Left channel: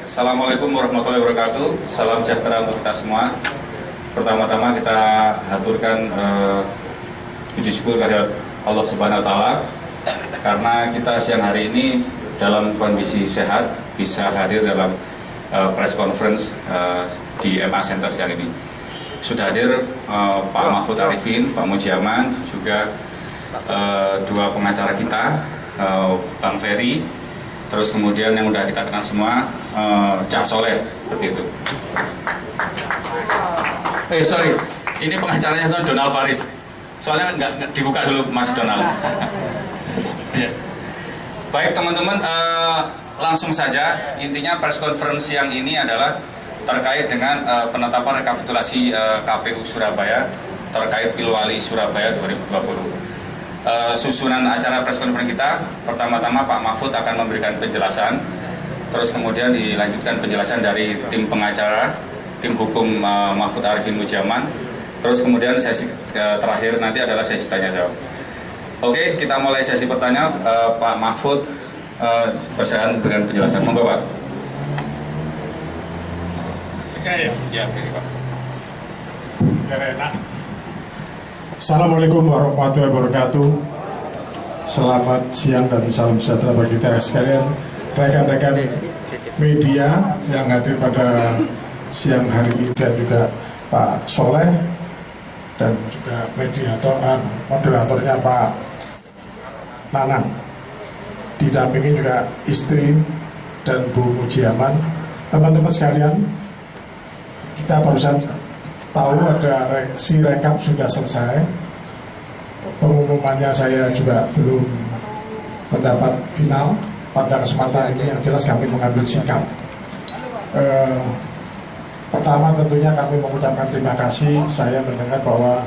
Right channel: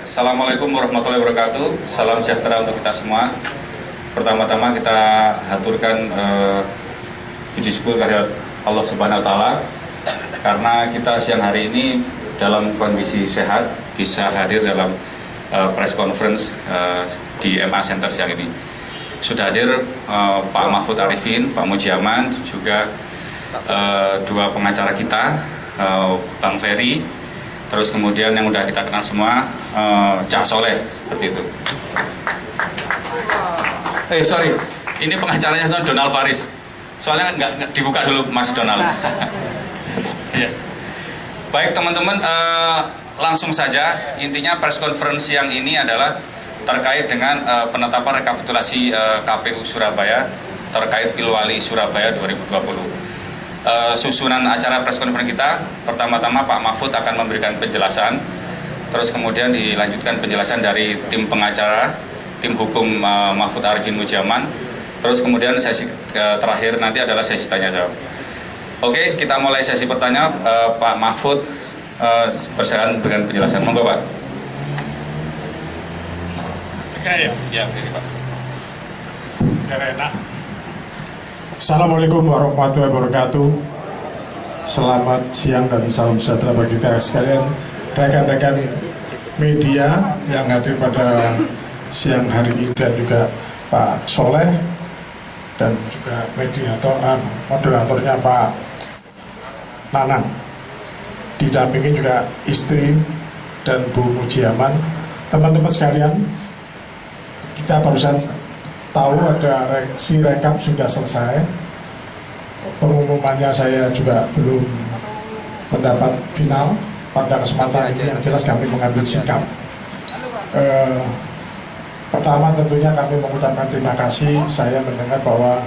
Assalamualaikum warahmatullahi wabarakatuh. Salam sejahtera untuk kita semua. Pertama-tama kita haturkan puji syukur kehadirat Allah Subhanahu wa Ta'ala karena kita siang hari ini dalam kondisi sehat bisa hadir dalam press conference di MA Center siang ini. Sudah hadir Pak Mahfud Arifin, Pak Mujiaman, juga dua pengacara kita, Bang Ferry, terus kemudian yang udah kita kenal semua, Cak Soleh, seperti itu. Sorry, ini pengacaranya Donald Faris. Soalnya nggak dibuka dulu Mas Donald. Ya. Baik teman-teman, langsung saja. Intinya press conference yang ini adalah terkait dengan penetapan rekapitulasi KPU Surabaya terkait Pilwali Surabaya 2020. Susunan acara press conference kita, pertama-tama Pak Mahfud akan memberikan penjelasan, terus kemudian dilanjutkan penjelasan dari tim pengacara, tim hukum Mahfud Arifin Mujiaman, terus kemudian sesi terakhir nanti adalah sesi tanya jawab. Oke, kita mulai sesi pertanyaan. Pak Mahfud bersilakan dengan penjelasan. Monggo Pak. Oke ya. Ya, ini Pak. Biar enak. Assalamualaikum warahmatullahi wabarakatuh. Selamat siang dan salam sejahtera bagi kita sekalian, rekan-rekan media yang hadir pada siang hari ini, dan juga Pak Soleh dan juga moderatornya Pak Nanang, didampingi juga istri dan Bu Mujiaman. Teman-teman sekalian, kita barusan tahu ada rekap sudah selesai. Pengumumannya saya juga belum mendapat final. Pada kesempatan ini yang jelas kami mengambil sikap. Pertama tentunya kami mengucapkan terima kasih. Saya mendengar bahwa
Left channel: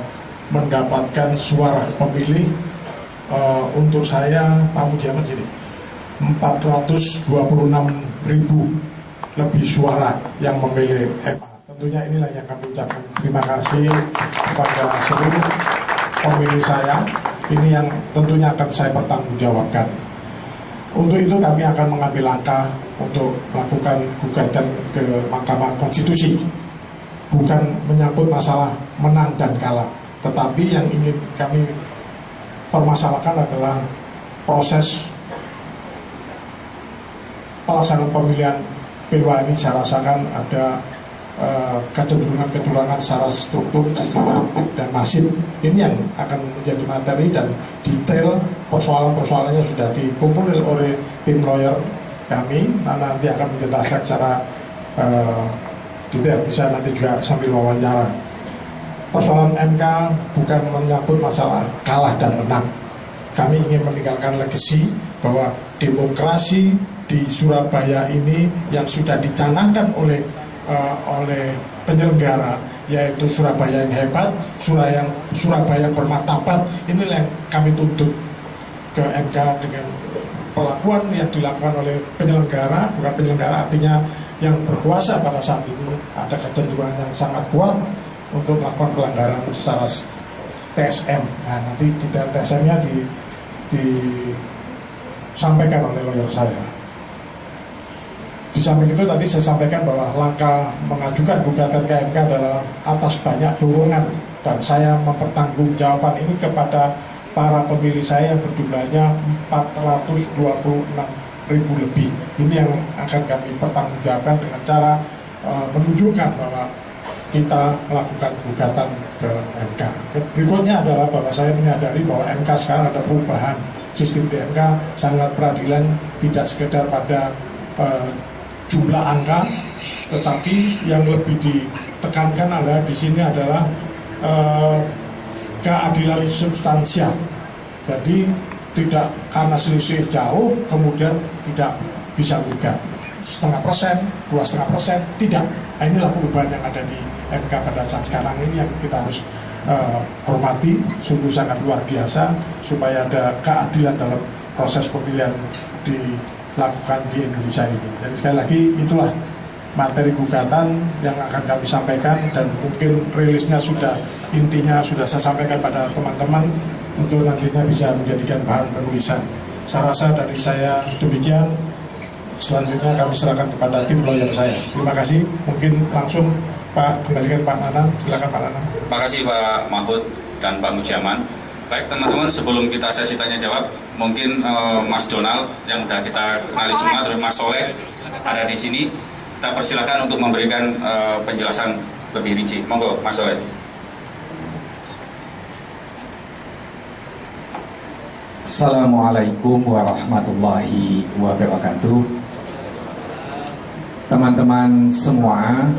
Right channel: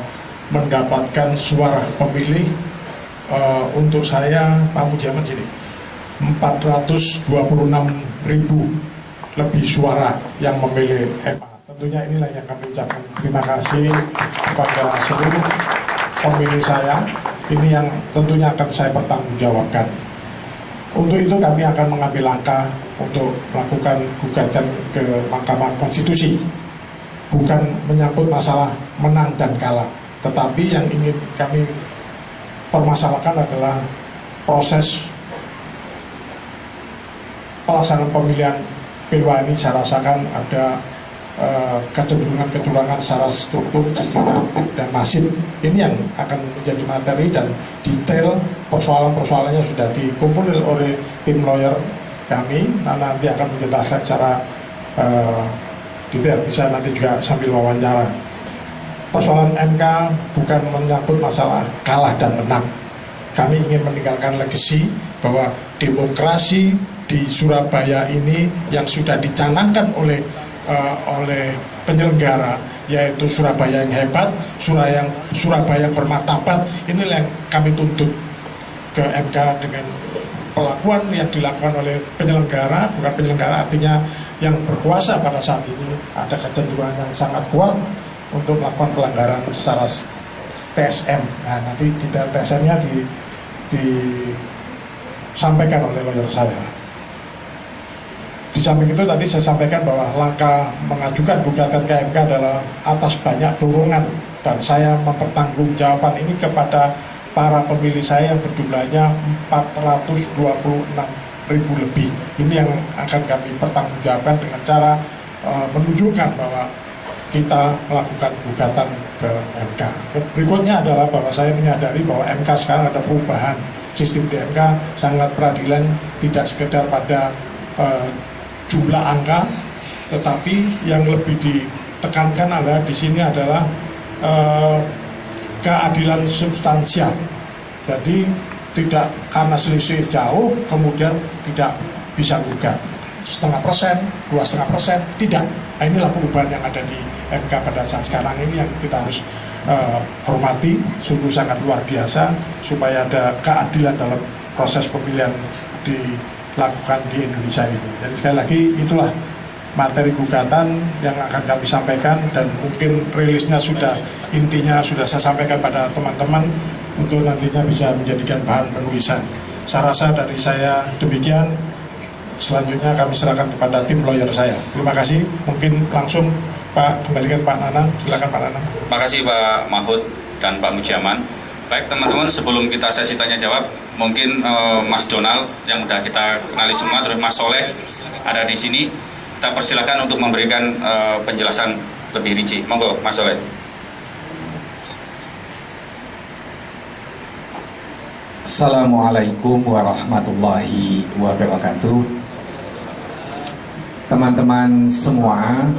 mendapatkan suara pemilih untuk saya, Pak Mujiaman sini 426.000 lebih suara yang memilih MA. Tentunya inilah yang kami ucapkan terima kasih kepada seluruh pemilih saya. Ini yang tentunya akan saya pertanggungjawabkan. Untuk itu kami akan mengambil langkah untuk melakukan gugatan ke Mahkamah Konstitusi. Bukan menyangkut masalah menang dan kalah, tetapi yang ingin kami permasalahkan adalah proses pelaksanaan pemilihan Pilwali. Saya rasakan ada kecenderungan kecurangan secara struktur, sistematik, dan masif. Ini yang akan menjadi materi dan detail persoalan-persoalannya sudah dikumpul oleh tim lawyer kami. Nanti akan menjelaskan secara detail, bisa nanti juga sambil wawancara. Persoalan MK bukan menyangkut masalah kalah dan menang. Kami ingin meninggalkan legasi bahwa demokrasi di Surabaya ini yang sudah dicanangkan oleh penyelenggara, yaitu Surabaya yang hebat, Surabaya yang bermartabat. Inilah yang kami tuntut ke MK dengan pelakuan yang dilakukan oleh penyelenggara. Bukan penyelenggara, artinya yang berkuasa pada saat ini ada kecenderungan yang sangat kuat untuk melakukan pelanggaran secara TSM. Nah, nanti detail TSM-nya disampaikan oleh lawyer saya. Di samping itu tadi saya sampaikan bahwa langkah mengajukan gugatan ke MK adalah atas banyak dorongan, dan saya mempertanggungjawabkan ini kepada para pemilih saya yang berjumlahnya 426.000 lebih. Ini yang akan kami pertanggungjawabkan dengan cara menunjukkan bahwa kita melakukan gugatan ke MK. Berikutnya adalah bahwa saya menyadari bahwa MK sekarang ada perubahan sistem di MK, sangat peradilan, tidak sekedar pada jumlah angka, tetapi yang lebih ditekankan adalah di sini adalah keadilan substansial. Jadi tidak karena selisih jauh kemudian tidak bisa gugat 0,5%, 2,5%, tidak. Nah, inilah perubahan yang ada di MK pada saat sekarang ini yang kita harus hormati, sungguh sangat luar biasa, supaya ada keadilan dalam proses pemilihan dilakukan di Indonesia ini. Jadi sekali lagi itulah materi gugatan yang akan kami sampaikan, dan mungkin rilisnya sudah, intinya sudah saya sampaikan pada teman-teman untuk nantinya bisa menjadikan bahan penulisan. Saya rasa dari saya demikian. selanjutnya kami serahkan kepada tim lawyer saya. Terima kasih. Mungkin langsung Pak kembalikan Pak Nanang. Silakan Pak Nanang. Terima kasih Pak Mahfud dan Pak Mujiaman. Baik teman-teman, sebelum kita sesi tanya jawab, mungkin Mas Donald yang udah kita kenali semua, terus Mas Soleh ada di sini. Kita persilakan untuk memberikan penjelasan lebih rinci. Monggo Mas Soleh. Assalamualaikum warahmatullahi wabarakatuh. Teman-teman semua,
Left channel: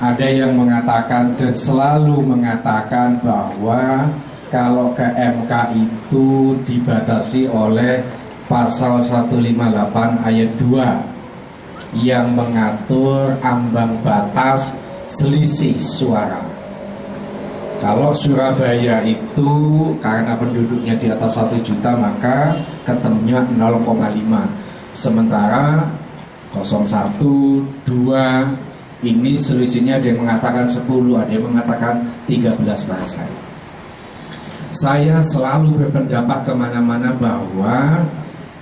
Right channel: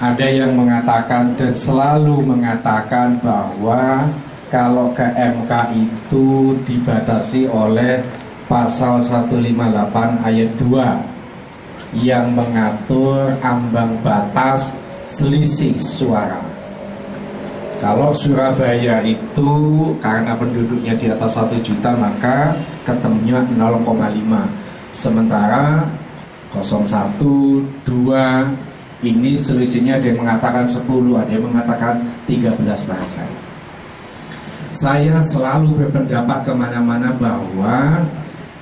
ada yang mengatakan dan selalu mengatakan bahwa kalau ke MK itu dibatasi oleh pasal 158 ayat 2 yang mengatur ambang batas selisih suara. Kalau Surabaya itu karena penduduknya di atas 1 juta maka ketemunya 0,5. Sementara 01, 2 ini selisihnya ada yang mengatakan 10, ada yang mengatakan 13%. Saya selalu berpendapat kemana-mana bahwa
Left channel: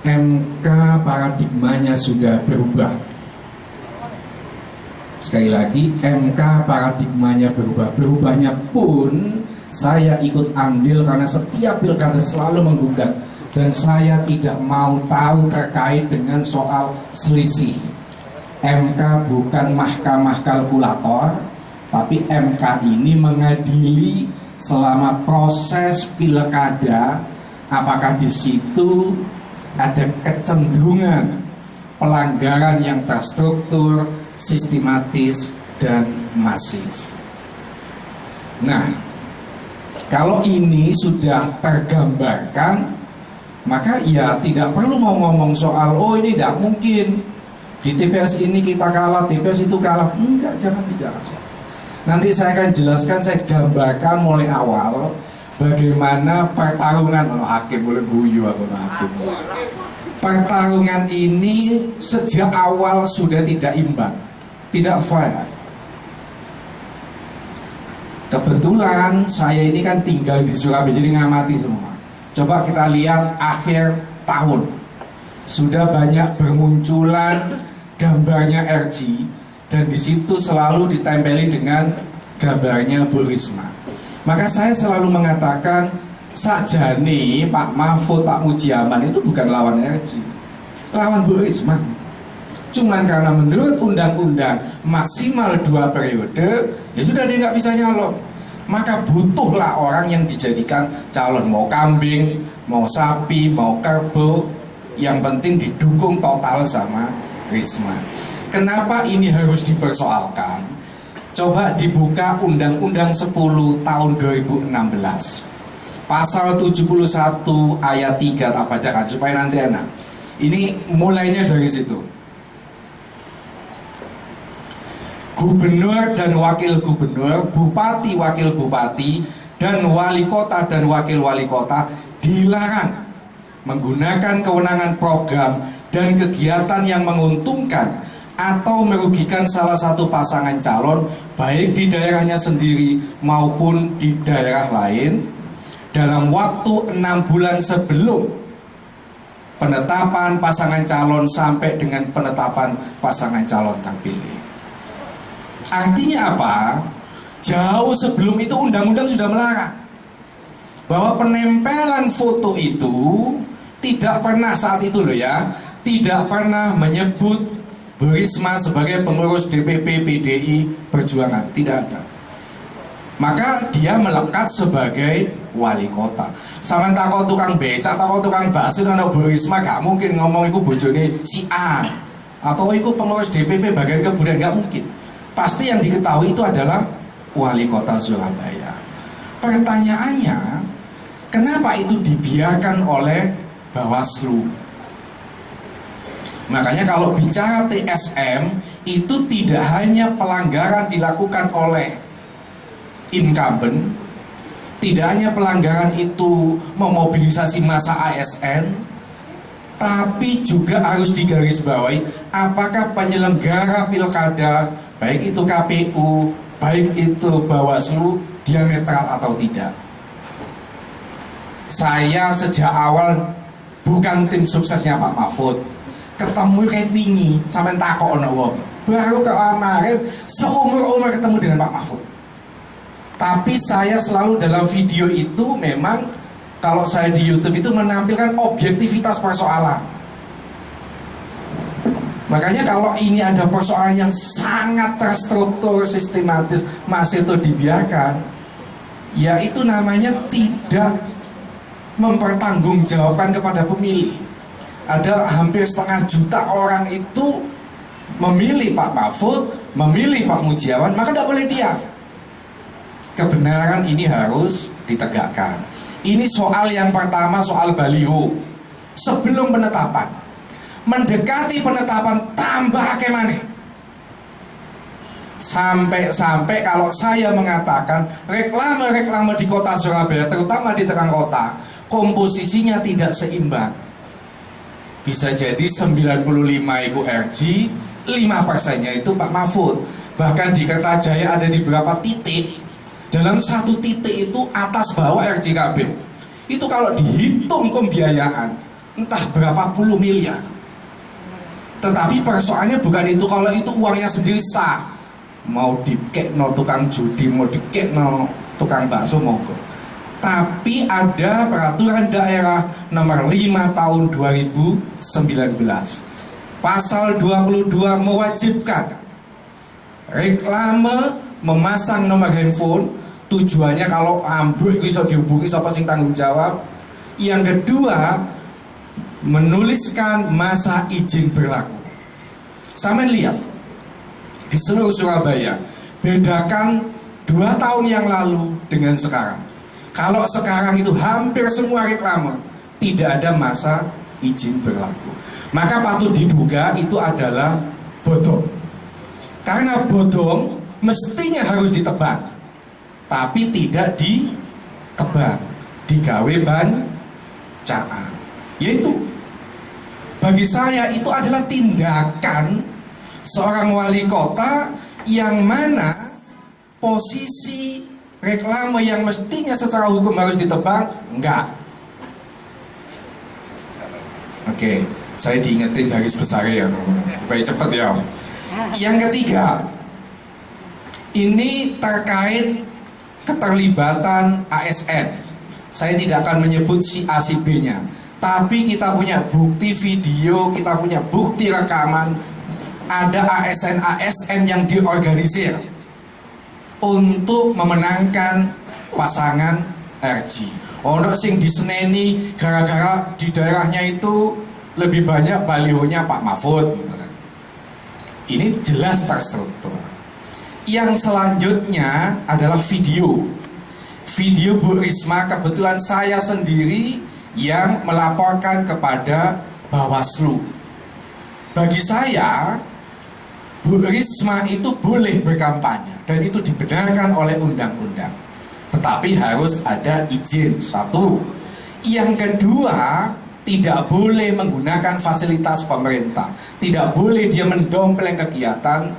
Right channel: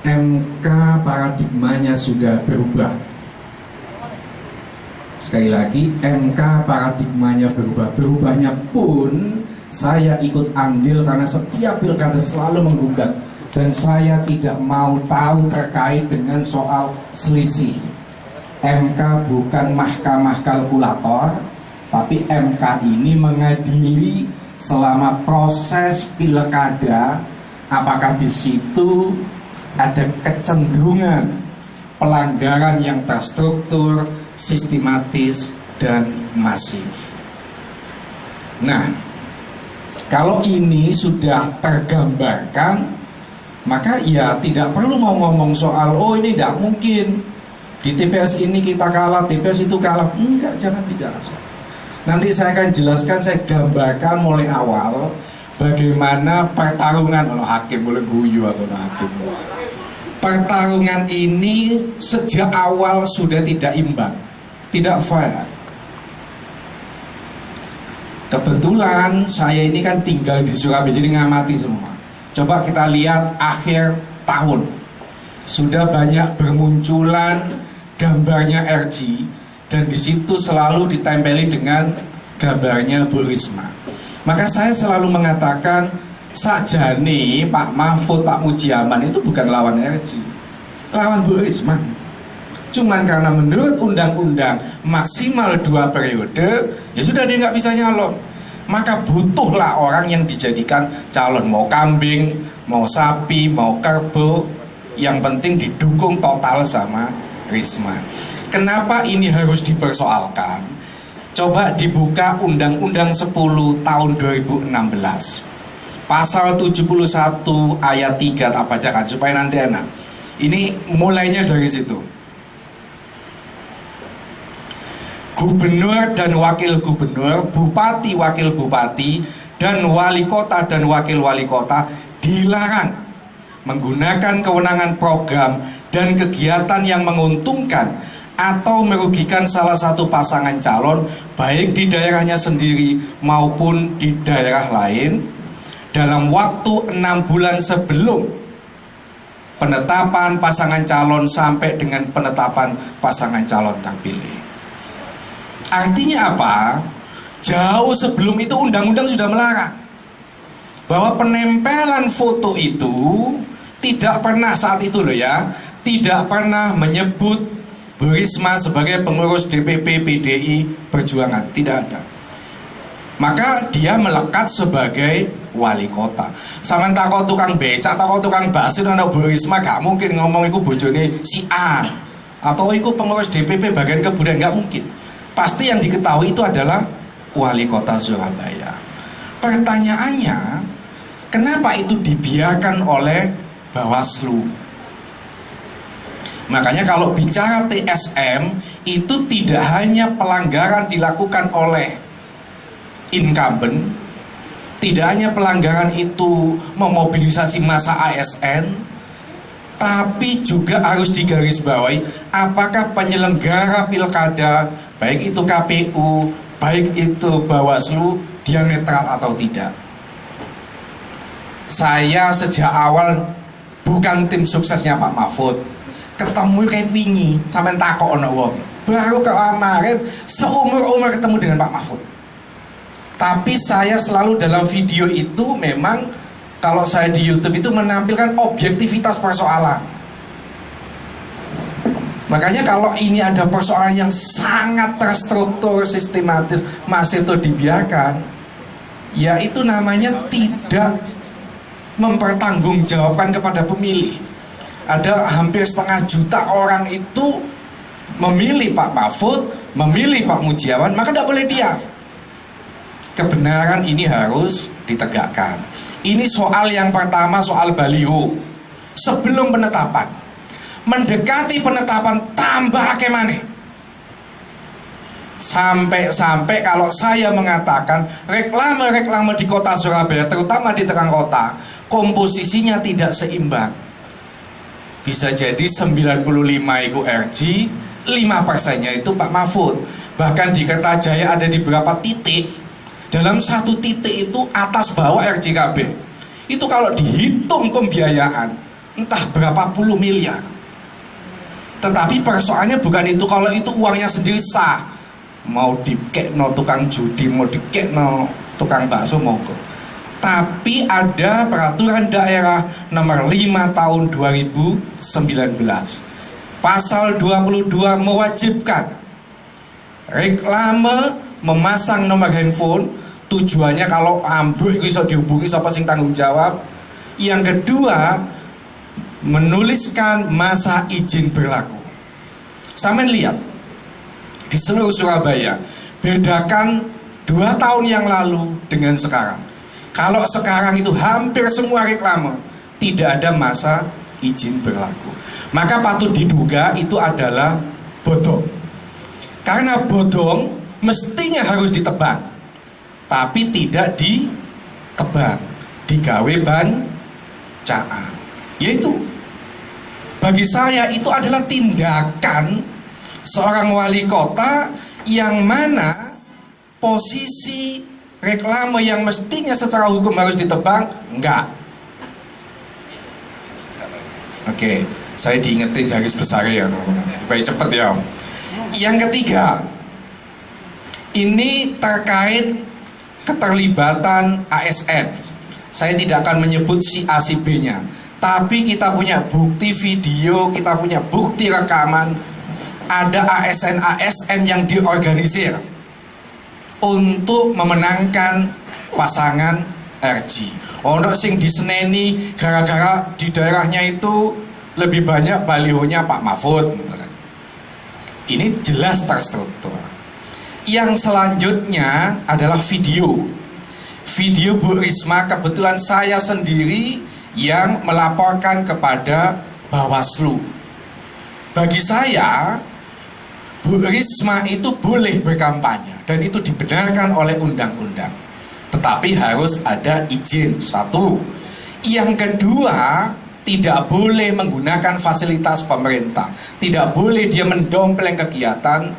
MK paradigmanya sudah berubah. Sekali lagi, MK paradigmanya berubah. Berubahnya pun saya ikut andil karena setiap pilkada selalu menggugat. Dan saya tidak mau tahu terkait dengan soal selisih. MK bukan mahkamah kalkulator, tapi MK ini mengadili selama proses pilkada, apakah di situ ada kecenderungan pelanggaran yang terstruktur, sistematis, dan masif. Nah, kalau ini sudah tergambarkan, maka ya tidak perlu mau ngomong soal oh ini tidak mungkin di TPS ini kita kalah, TPS itu kalah. Enggak, jangan bicara soal. Nanti saya akan jelaskan, saya gambarkan mulai awal bagaimana pertarungan hakim boleh guyu atau hakim. Pertarungan ini sejak awal sudah tidak imbang, tidak fair. Kebetulan saya ini kan tinggal di Surabaya, jadi ngamati semua. Coba kita lihat akhir tahun, sudah banyak bermunculan gambarnya RG, dan di situ selalu ditempeli dengan gambarnya Bu Risma. Maka saya selalu mengatakan, sajane Pak Mahfud, Pak Mujiaman itu bukan lawan RG, lawan Bu Risma. Cuman karena menurut undang-undang maksimal 2 periode, ya sudah dia nggak bisa nyalon. Maka butuhlah orang yang dijadikan calon, mau kambing, mau sapi, mau kerbau, yang penting didukung total sama Risma. Kenapa ini harus dipersoalkan? Coba dibuka Undang-Undang 10 tahun 2016, Pasal 71 ayat 3, tak bacakan supaya nanti enak. Ini mulainya dari situ. Gubernur dan wakil gubernur, bupati, wakil bupati, dan wali kota dan wakil wali kota dilarang menggunakan kewenangan program dan kegiatan yang menguntungkan atau merugikan salah satu pasangan calon, baik di daerahnya sendiri maupun di daerah lain, dalam waktu 6 bulan sebelum penetapan pasangan calon sampai dengan penetapan pasangan calon terpilih. Artinya apa? Jauh sebelum itu undang-undang sudah melarang bahwa penempelan foto itu tidak pernah saat itu loh ya, tidak pernah menyebut Bu Risma sebagai pengurus DPP PDI Perjuangan, tidak ada. Maka dia melekat sebagai wali kota. Sama takut tukang becak, takut tukang bakso, anak Bu Risma gak mungkin ngomong iku bojone si A atau iku pengurus DPP bagian kebudayaan, gak mungkin. Pasti yang diketahui itu adalah wali kota Surabaya. Pertanyaannya, kenapa itu dibiarkan oleh Bawaslu? Makanya kalau bicara TSM, itu tidak hanya pelanggaran dilakukan oleh incumbent, tidak hanya pelanggaran itu memobilisasi massa ASN, tapi juga harus digarisbawahi apakah penyelenggara pilkada, baik itu KPU, baik itu Bawaslu, dia netral atau tidak. Saya sejak awal bukan tim suksesnya Pak Mahfud. ketemu kayak wingi sampai takok ono wong. Baru kemarin seumur-umur ketemu dengan Pak Mahfud. Tapi saya selalu dalam video itu memang kalau saya di YouTube itu menampilkan objektivitas persoalan. Makanya kalau ini ada persoalan yang sangat terstruktur, sistematis, masih itu dibiarkan, ya itu namanya tidak mempertanggungjawabkan kepada pemilih. Ada hampir 1,5 juta orang itu memilih Pak Mahfud, memilih Pak Mujiawan, maka tidak boleh diam. Kebenaran ini harus ditegakkan. Ini soal yang pertama, soal baliho. Sebelum penetapan, mendekati penetapan tambah akeh. Sampai kalau saya mengatakan reklame-reklame di kota Surabaya, terutama di tengah kota, komposisinya tidak seimbang. Bisa jadi 95 itu RG, 5%-nya itu Pak Mahfud. Bahkan di Kertajaya ada di beberapa titik. Dalam satu titik itu atas bawah RJKB. Itu kalau dihitung pembiayaan entah berapa puluh miliar. Tetapi persoalannya bukan itu. Kalau itu uangnya sendiri sah, mau dikekno tukang judi, mau dikekno tukang bakso, monggo. Tapi ada peraturan daerah nomor 5 tahun 2019. Pasal 22 mewajibkan reklame memasang nomor handphone. Tujuannya kalau ambruk bisa dihubungi siapa sing tanggung jawab. Yang kedua, menuliskan masa izin berlaku. Sampeyan lihat di seluruh Surabaya, bedakan 2 tahun yang lalu dengan sekarang. Kalau sekarang itu hampir semua reklame tidak ada masa izin berlaku, maka patut diduga itu adalah bodong. Karena bodong mestinya harus ditebang, tapi tidak ditebang, digawe bancaan. Yaitu bagi saya itu adalah tindakan seorang wali kota yang mana posisi reklame yang mestinya secara hukum harus ditebang, enggak. Oke, saya diingetin garis besar ya, supaya cepet ya. Yang ketiga, ini terkait keterlibatan ASN. Saya tidak akan menyebut si A si B nya, tapi kita punya bukti video, kita punya bukti rekaman. Ada ASN yang diorganisir untuk memenangkan pasangan RG. Ono sing diseneni gara-gara di daerahnya itu lebih banyak balihonya Pak Mahfud. Ini jelas terstruktur. Yang selanjutnya adalah video. Video Bu Risma, kebetulan saya sendiri yang melaporkan kepada Bawaslu. Bagi saya, Bu Risma itu boleh berkampanye dan itu dibenarkan oleh undang-undang. Tetapi harus ada izin, satu. Yang kedua, tidak boleh menggunakan fasilitas pemerintah. Tidak boleh dia mendompleng kegiatan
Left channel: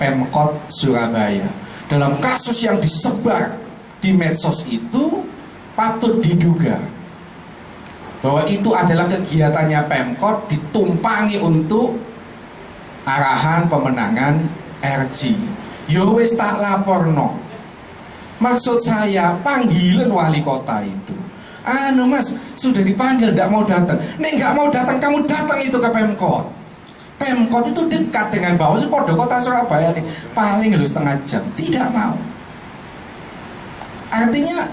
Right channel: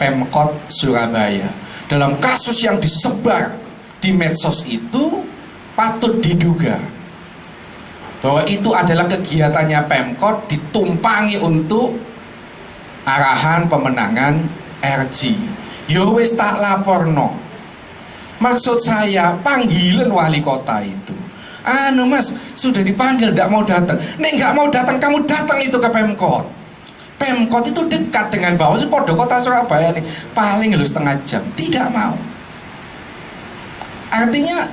Pemkot Surabaya. Dalam kasus yang disebar di medsos itu patut diduga bahwa itu adalah kegiatannya Pemkot ditumpangi untuk arahan pemenangan RG. Yo wis tak laporno. Maksud saya panggilan wali kota itu. Anu mas, sudah dipanggil tidak mau datang. Nek nggak mau datang, kamu datang itu ke Pemkot. Pemkot itu dekat dengan Bawaslu, podo kota Surabaya nih. Paling lu setengah jam. Tidak mau. Artinya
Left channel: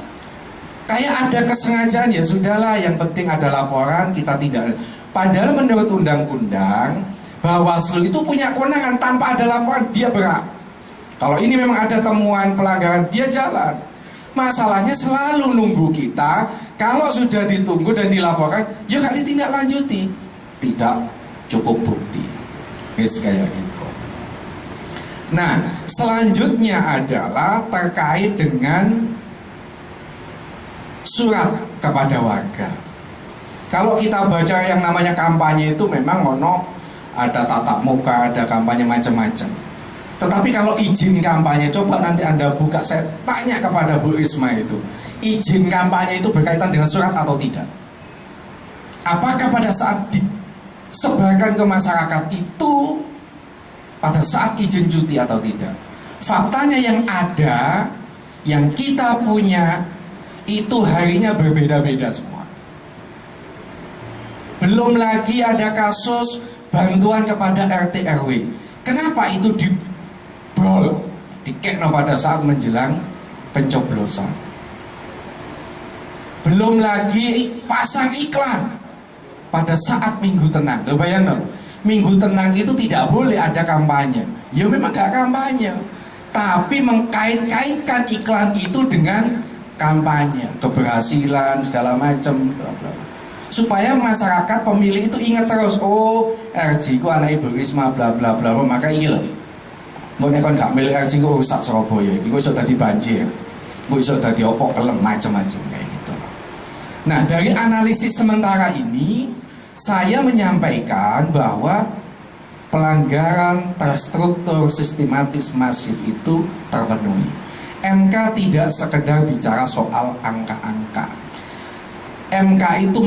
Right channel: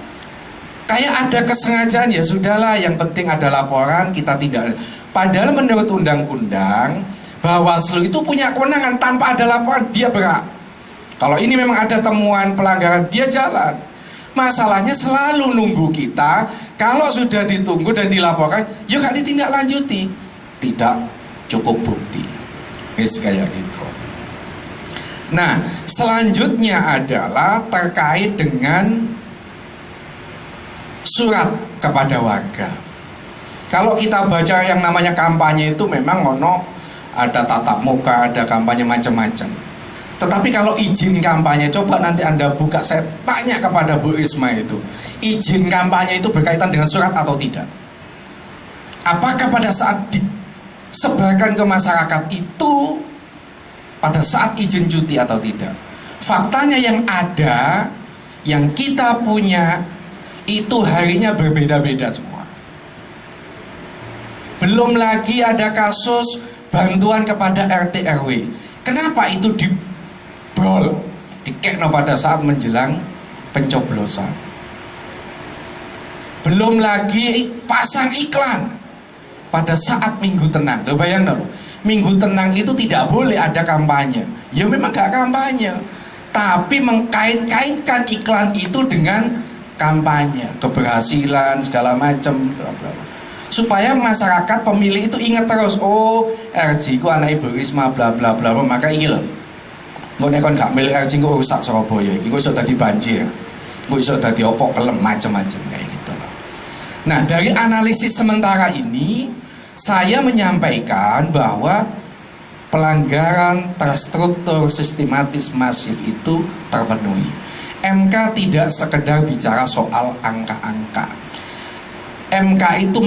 kayak ada kesengajaan, ya sudahlah, yang penting ada laporan, kita tidak. Padahal menurut undang-undang Bawaslu itu punya kewenangan, tanpa ada laporan dia berhak. Kalau ini memang ada temuan pelanggaran, dia jalan. Masalahnya selalu nunggu kita. Kalau sudah ditunggu dan dilaporkan, ya gak ditindaklanjuti. Tidak cukup bukti. Kayak gitu. Nah, selanjutnya adalah terkait dengan surat kepada warga. Kalau kita baca yang namanya kampanye itu memang ada tatap muka, ada kampanye macam-macam. Tetapi kalau izin kampanye, coba nanti Anda buka, saya tanya kepada Bu Risma itu, izin kampanye itu berkaitan dengan surat atau tidak? Apakah pada saat sebarkan ke masyarakat itu pada saat izin cuti atau tidak. Faktanya yang ada, yang kita punya, itu harinya berbeda-beda semua. Belum lagi ada kasus bantuan kepada RT RW. Kenapa itu dibrol, dikekno pada saat menjelang pencoblosan? Belum lagi pasang iklan pada saat Minggu Tenang. Tuh bayangkan, Minggu Tenang itu tidak boleh ada kampanye. Ya memang gak kampanye, tapi mengkait-kaitkan iklan itu dengan kampanye, keberhasilan segala macam, bla bla. Supaya masyarakat pemilih itu ingat terus, oh RJ ku anak Ibu Risma bla bla bla, maka iki lho. Engko nek kon gak milih RJ ku rusak Surabaya iki, engko iso dadi banjir. Engko iso dadi opo kelem macam-macam kayak gitu. Nah, dari analisis sementara ini saya menyampaikan bahwa pelanggaran terstruktur sistematis masif itu terpenuhi. MK tidak sekedar bicara soal angka-angka. MK itu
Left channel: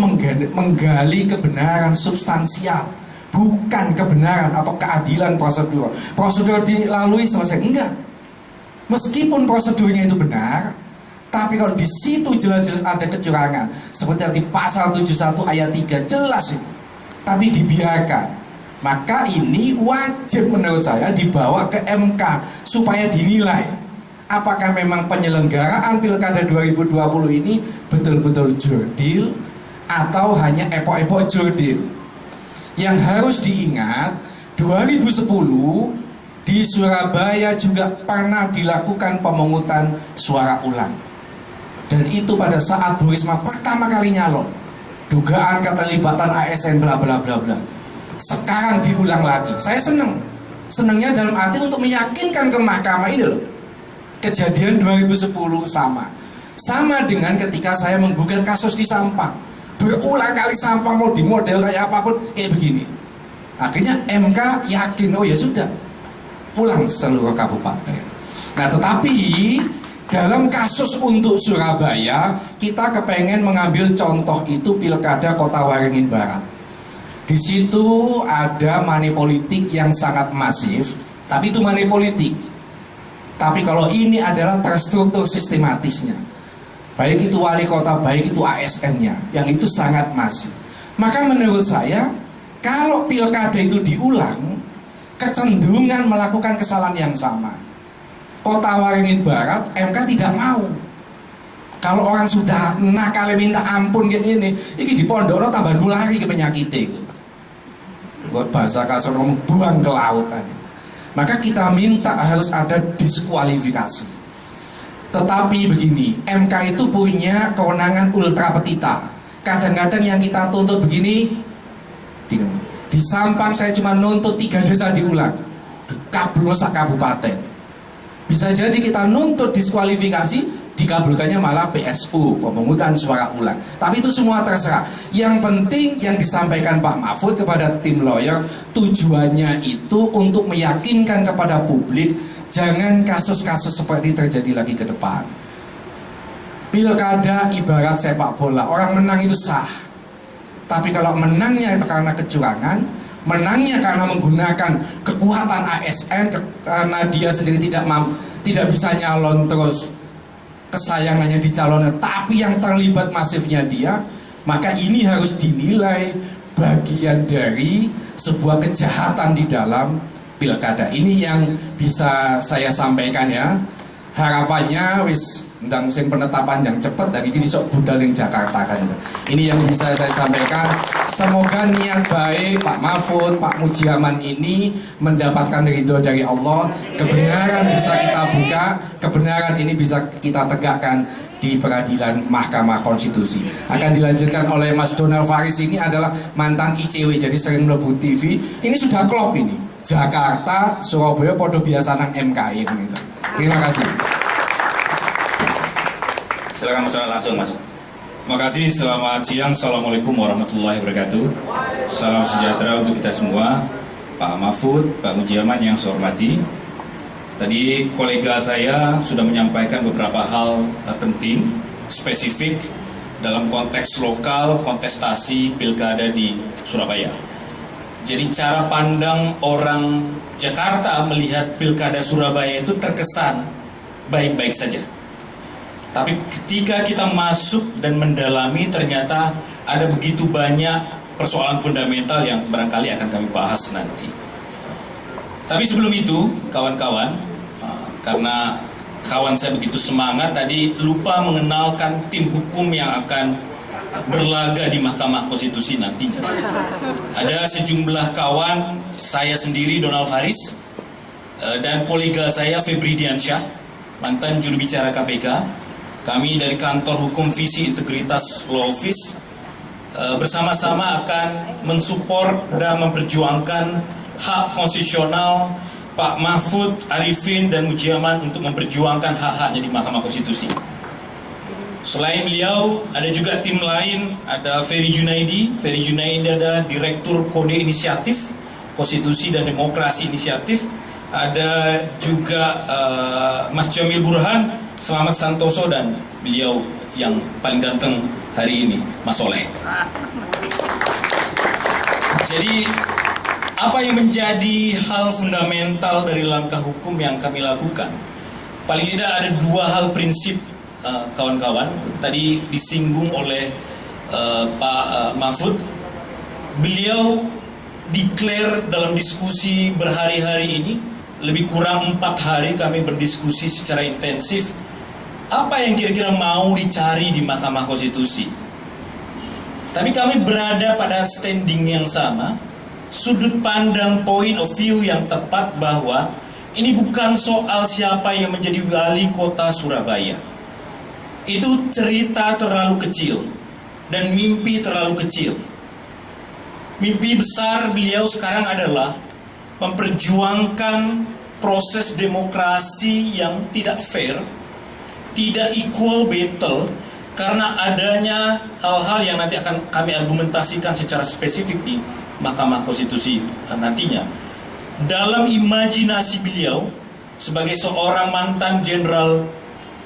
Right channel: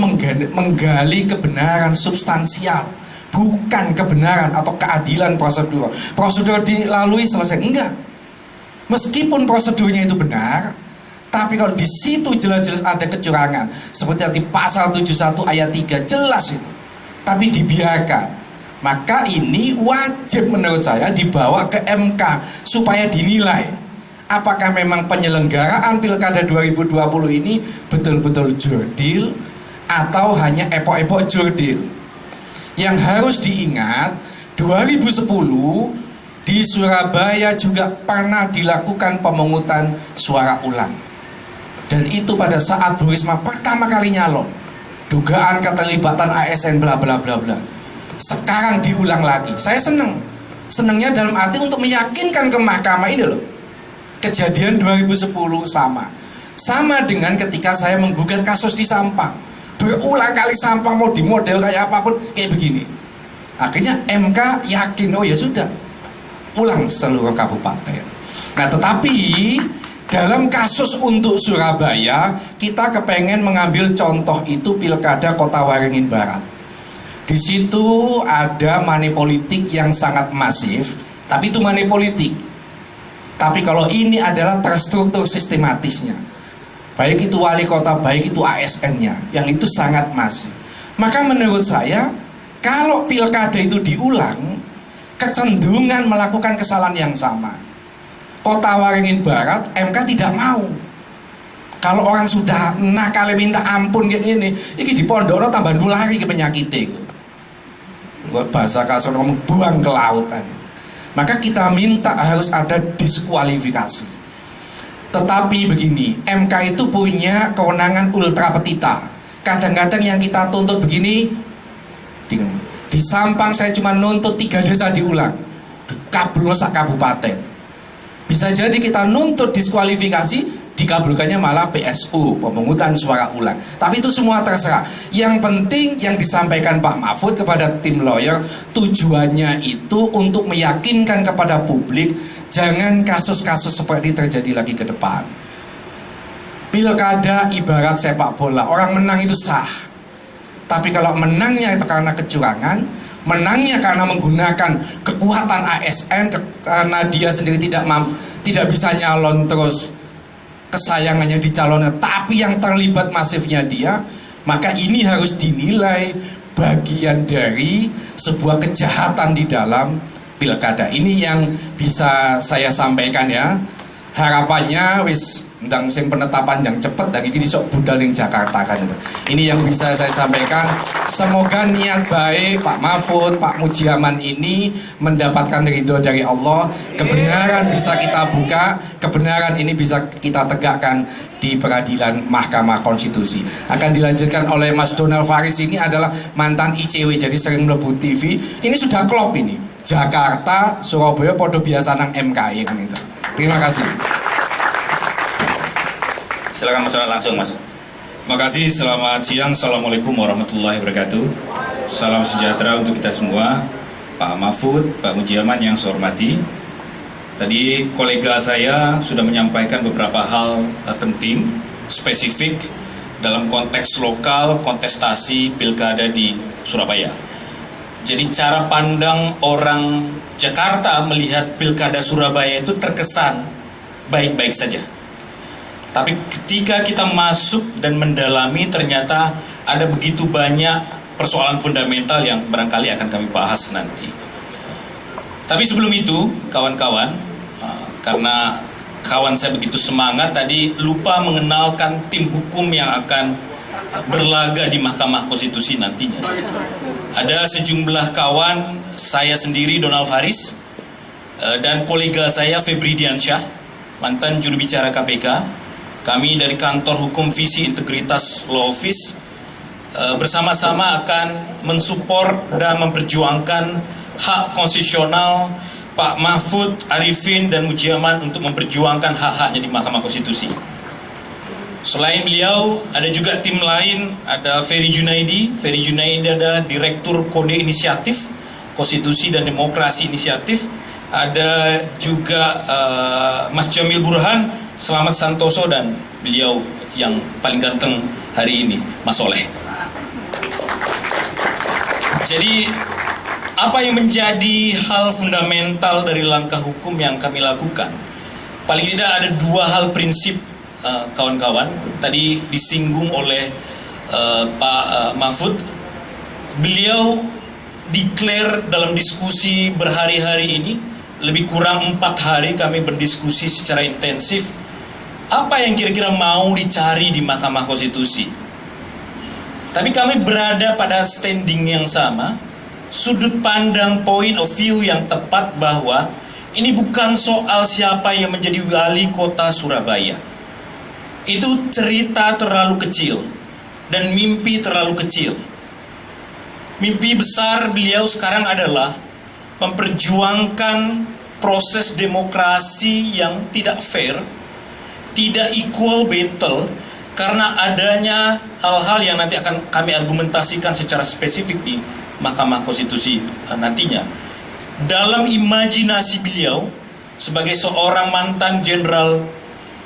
menggali kebenaran substansial, bukan kebenaran atau keadilan prosedur. Prosedur dilalui selesai, enggak. Meskipun prosedurnya itu benar, tapi kalau di situ jelas-jelas ada kecurangan, seperti yang di pasal 71 ayat 3 jelas itu, tapi dibiarkan, maka ini wajib menurut saya dibawa ke MK supaya dinilai apakah memang penyelenggaraan Pilkada 2020 ini betul-betul jurdil atau hanya epok-epok jurdil. Yang harus diingat, 2010 di Surabaya juga pernah dilakukan pemungutan suara ulang. Dan itu pada saat Bu Risma pertama kali nyalon. Dugaan keterlibatan ASN bla bla bla bla. Sekarang diulang lagi. Saya senang. Senangnya dalam arti untuk meyakinkan ke mahkamah ini loh. Kejadian 2010 sama. Sama dengan ketika saya menggugat kasus di Sampang. Berulang kali Sampang mau dimodel kayak apapun kayak begini. Akhirnya MK yakin, oh ya sudah, ulang seluruh kabupaten. Nah tetapi dalam kasus untuk Surabaya, kita kepengen mengambil contoh itu Pilkada Kota Waringin Barat. Di situ ada money politik yang sangat masif, tapi itu money politik. Tapi kalau ini adalah terstruktur sistematisnya, baik itu wali kota, baik itu ASN-nya, yang itu sangat masif. Maka menurut saya, kalau pilkada itu diulang, kecenderungan melakukan kesalahan yang sama. Kota Waringin Barat, MK tidak mau. Kalau orang sudah nakal minta ampun kayak gini, ini di pondokno tambah nulari ke penyakit itu. Bahasa kasar ngomong buang ke lautan. Maka kita minta harus ada diskualifikasi. Tetapi begini, MK itu punya kewenangan ultra petita. Kadang-kadang yang kita tuntut begini, di Sampang saya cuma nuntut 3 desa diulang, kabul sak kabupaten. Bisa jadi kita nuntut diskualifikasi, dikabulkannya malah PSU, pemungutan suara ulang. Tapi itu semua terserah. Yang penting yang disampaikan Pak Mahfud kepada tim lawyer, tujuannya itu untuk meyakinkan kepada publik, jangan kasus-kasus seperti ini terjadi lagi ke depan. Pilkada ibarat sepak bola, orang menang itu sah. Tapi kalau menangnya itu karena kecurangan, menangnya karena menggunakan kekuatan ASN, karena dia sendiri tidak bisa nyalon terus, kesayangannya dicalonkan, tapi yang terlibat masifnya dia, maka ini harus dinilai bagian dari sebuah kejahatan di dalam pilkada. Ini yang bisa saya sampaikan ya. Harapannya wis ndang musim penetapan yang cepat dari ini sok budal ning Jakarta kan itu. Ini yang bisa saya sampaikan. Semoga niat baik Pak Mahfud, Pak Mujiaman ini mendapatkan ridho dari Allah. Kebenaran bisa kita buka, kebenaran ini bisa kita tegakkan di peradilan Mahkamah Konstitusi. Akan dilanjutkan oleh Mas Donald Faris, ini adalah mantan ICW, jadi sering mlebu TV. Ini sudah klop ini. Jakarta, Surabaya podo biasa nang MKI gitu. Terima kasih. Silakan Mas Donald langsung Mas. Terima kasih, selamat siang. Assalamualaikum warahmatullahi wabarakatuh. Salam sejahtera untuk kita semua. Pak Mahfud, Pak Mujiaman yang saya hormati. Tadi kolega saya sudah menyampaikan beberapa hal penting, spesifik dalam konteks lokal kontestasi pilkada di Surabaya. Jadi cara pandang orang Jakarta melihat Pilkada Surabaya itu terkesan baik-baik saja. Tapi ketika kita masuk dan mendalami, ternyata ada begitu banyak persoalan fundamental yang barangkali akan kami bahas nanti. Tapi sebelum itu, kawan-kawan, karena kawan saya begitu semangat tadi lupa mengenalkan tim hukum yang akan berlaga di Mahkamah Konstitusi nantinya. Ada sejumlah kawan, saya sendiri Donald Faris, dan kolega saya Febri Diansyah, mantan juru bicara KPK. Kami dari Kantor Hukum Visi Integritas Law Office bersama-sama akan mensupport dan memperjuangkan hak konstitusional Pak Mahfud, Arifin, dan Mujiaman untuk memperjuangkan hak-haknya di Mahkamah Konstitusi. Selain beliau, ada juga tim lain, ada Ferry Junaidi. Ferry Junaidi adalah Direktur Kode Inisiatif, Konstitusi dan Demokrasi Inisiatif. Ada juga Mas Jamil Burhan, Selamat Santoso, dan beliau yang paling ganteng hari ini, Mas Soleh. Jadi, apa yang menjadi hal fundamental dari langkah hukum yang kami lakukan? Paling tidak ada dua hal prinsip, kawan-kawan. Tadi disinggung oleh Pak Mahfud. Beliau declare dalam diskusi berhari-hari ini, lebih kurang 4 hari kami berdiskusi secara intensif, apa yang kira-kira mau dicari di Mahkamah Konstitusi. Tapi kami berada pada standing yang sama, sudut pandang point of view yang tepat bahwa ini bukan soal siapa yang menjadi wali kota Surabaya. Itu cerita terlalu kecil dan mimpi terlalu kecil. Mimpi besar beliau sekarang adalah memperjuangkan proses demokrasi yang tidak fair, tidak equal battle, karena adanya hal-hal yang nanti akan kami argumentasikan secara spesifik di Mahkamah Konstitusi nantinya. Dalam imajinasi beliau sebagai seorang mantan jenderal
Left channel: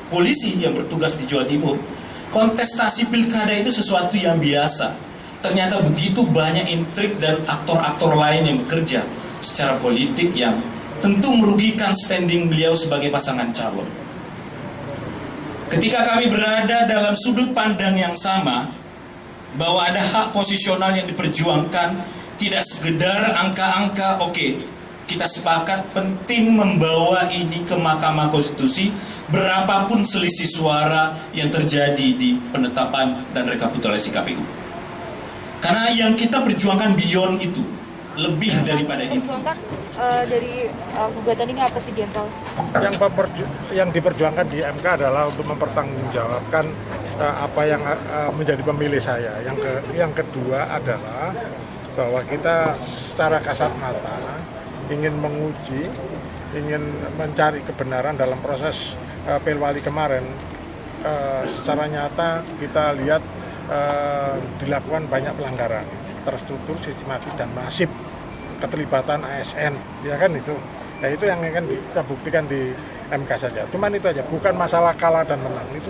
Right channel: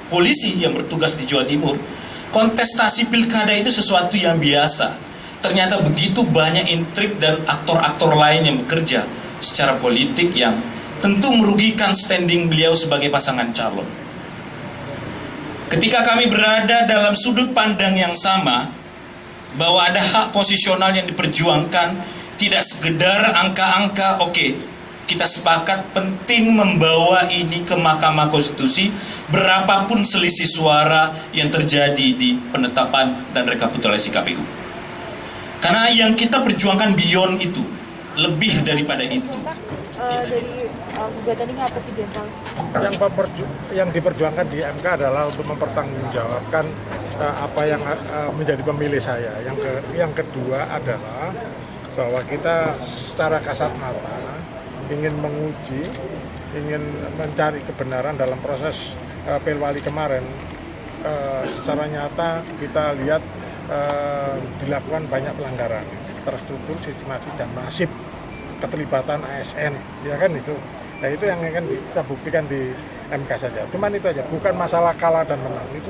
polisi yang bertugas di Jawa Timur, kontestasi pilkada itu sesuatu yang biasa. Ternyata begitu banyak intrik dan aktor-aktor lain yang bekerja secara politik yang tentu merugikan standing beliau sebagai pasangan calon. Ketika kami berada dalam sudut pandang yang sama, bahwa ada hak konstitusional yang diperjuangkan, tidak sekedar angka-angka, oke, kita sepakat penting membawa ini ke Mahkamah Konstitusi, berapapun selisih suara yang terjadi di penetapan dan rekapitulasi KPU. Karena yang kita perjuangkan beyond itu, lebih daripada itu. Dari gugatan ini apa sih, Jenderal? Yang diperjuangkan di MK adalah untuk mempertanggungjawabkan apa yang menjadi pemilih saya. Yang kedua adalah bahwa kita secara kasat mata ingin menguji, ingin mencari kebenaran dalam proses Pilwali kemarin. Secara nyata kita lihat dilakukan banyak pelanggaran terstruktur, sistematis, dan masif, keterlibatan ASN, ya kan itu. Nah itu yang akan kita buktikan di MK saja. Cuman itu aja, bukan masalah kalah dan menang, itu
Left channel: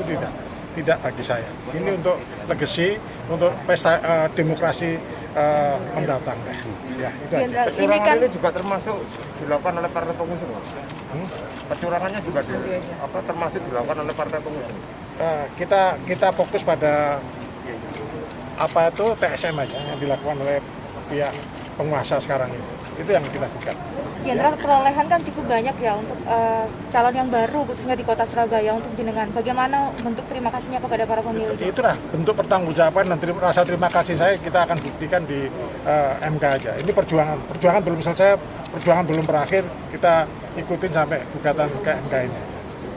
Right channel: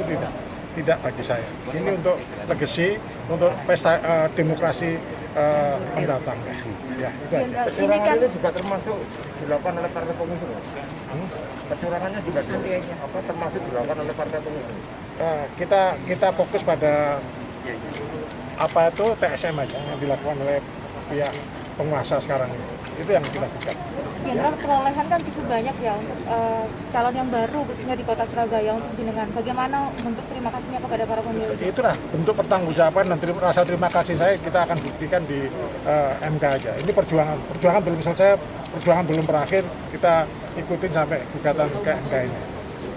tidak bagi saya. Ini untuk legacy, untuk pesta demokrasi mendatang. Ya itu aja. Kecurangan ini juga termasuk dilakukan oleh partai pengusung. Kecurangannya juga termasuk dilakukan oleh partai pengusung. Kita fokus pada apa itu TSM aja yang dilakukan oleh pihak penguasa sekarang ini. Itu yang kita lakukan. Jenderal, perolehan kan cukup banyak ya untuk calon yang baru, khususnya di kota Surabaya, untuk jenengan. Bagaimana bentuk terima kasihnya kepada para pemilih? Itulah bentuk pertanggungjawaban dan rasa terima kasih saya, kita akan buktikan di MK aja. Ini perjuangan belum selesai, perjuangan belum berakhir, kita ikutin sampai gugatan ke MK ini.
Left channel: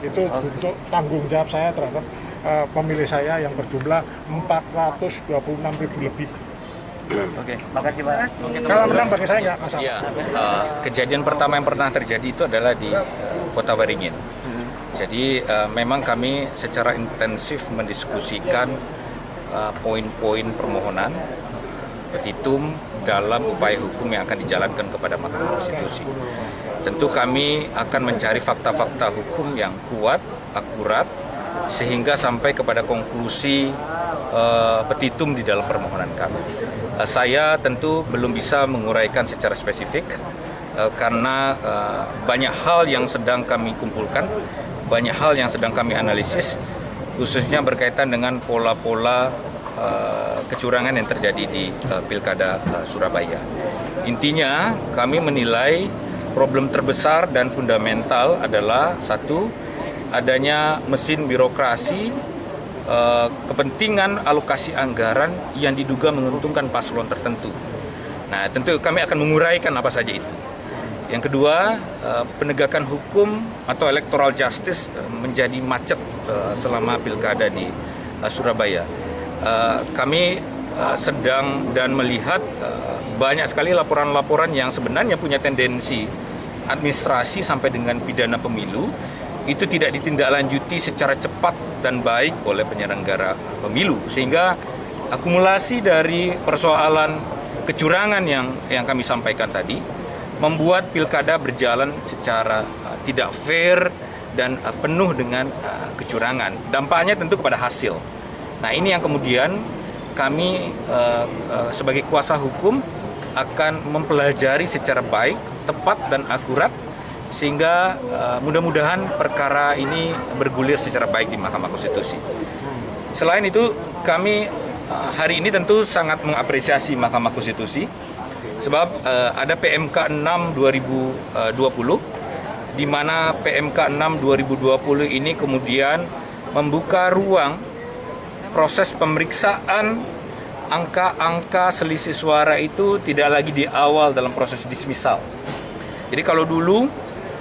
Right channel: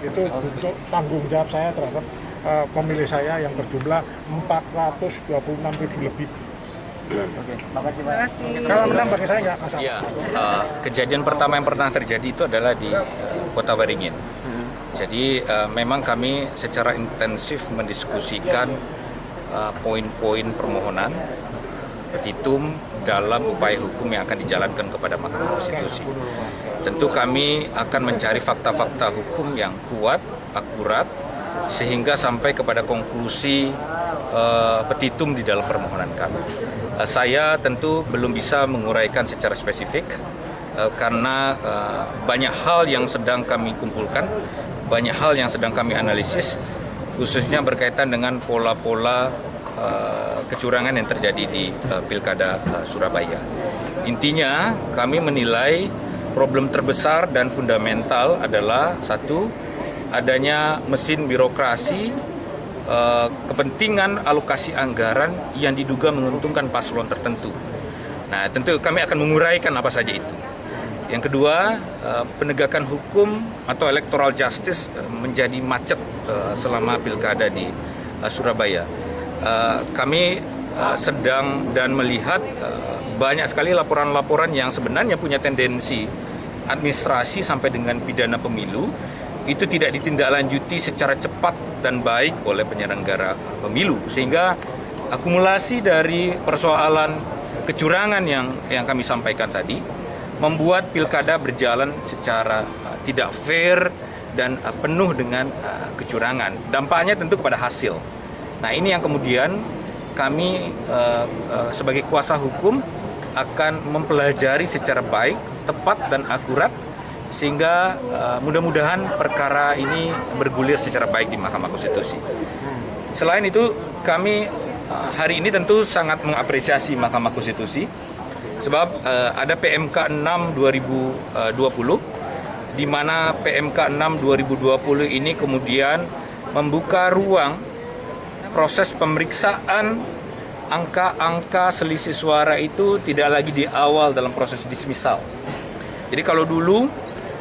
Itu bentuk tanggung jawab saya terhadap pemilih saya yang berjumlah 426.000 lebih. Oke, makasih Pak. Kalau menang bagi saya nggak masalah. Ya, kejadian pertama yang pernah terjadi itu adalah di Kota Waringin. Jadi memang kami secara intensif mendiskusikan poin-poin permohonan petitum dalam upaya hukum yang akan dijalankan kepada Mahkamah Konstitusi. Tentu kami akan mencari fakta-fakta hukum yang kuat, akurat, sehingga sampai kepada konklusi petitum di dalam permohonan kami. saya tentu belum bisa menguraikan secara spesifik karena banyak hal yang sedang kami kumpulkan, banyak hal yang sedang kami analisis, khususnya berkaitan dengan pola-pola kecurangan yang terjadi di Pilkada Surabaya. Intinya kami menilai problem terbesar dan fundamental adalah satu, adanya mesin birokrasi, kepentingan alokasi anggaran yang diduga menguntungkan paslon tertentu. Nah, tentu kami akan menguraikan apa saja itu. Yang kedua, penegakan hukum atau electoral justice menjadi macet selama pilkada di Surabaya. Kami sedang dan melihat banyak sekali laporan-laporan yang sebenarnya punya tendensi administrasi sampai dengan pidana pemilu itu tidak ditindaklanjuti secara cepat dan baik oleh penyelenggara pemilu, sehingga akumulasi dari persoalan kecurangan yang kami sampaikan tadi membuat pilkada berjalan secara tidak fair dan penuh dengan kecurangan. Dampaknya tentu kepada hasil. Nah, ini yang kemudian kami sebagai kuasa hukum akan mempelajari secara baik, tepat dan akurat, sehingga mudah-mudahan perkara ini bergulir secara baik di Mahkamah Konstitusi. Selain itu, kami hari ini tentu sangat mengapresiasi Mahkamah Konstitusi, sebab ada PMK 6 2020, di mana PMK 6 2020 ini kemudian membuka ruang proses pemeriksaan angka-angka selisih suara itu tidak lagi di awal dalam proses dismisal. Jadi kalau dulu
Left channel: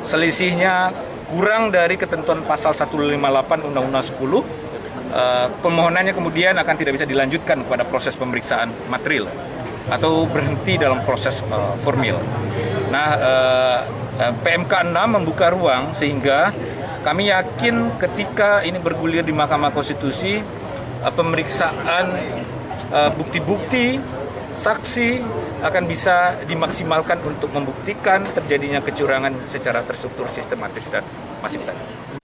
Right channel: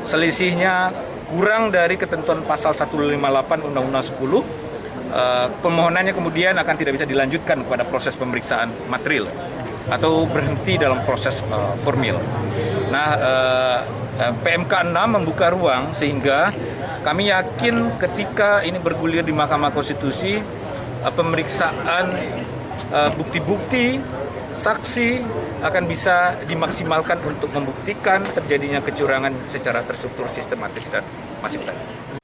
selisihnya kurang dari ketentuan pasal 158 Undang-Undang 10, permohonannya kemudian akan tidak bisa dilanjutkan kepada proses pemeriksaan material atau berhenti dalam proses formil. Nah, PMK 6 membuka ruang sehingga kami yakin ketika ini bergulir di Mahkamah Konstitusi, pemeriksaan bukti-bukti, saksi akan bisa dimaksimalkan untuk membuktikan terjadinya kecurangan secara terstruktur, sistematis dan masif tadi.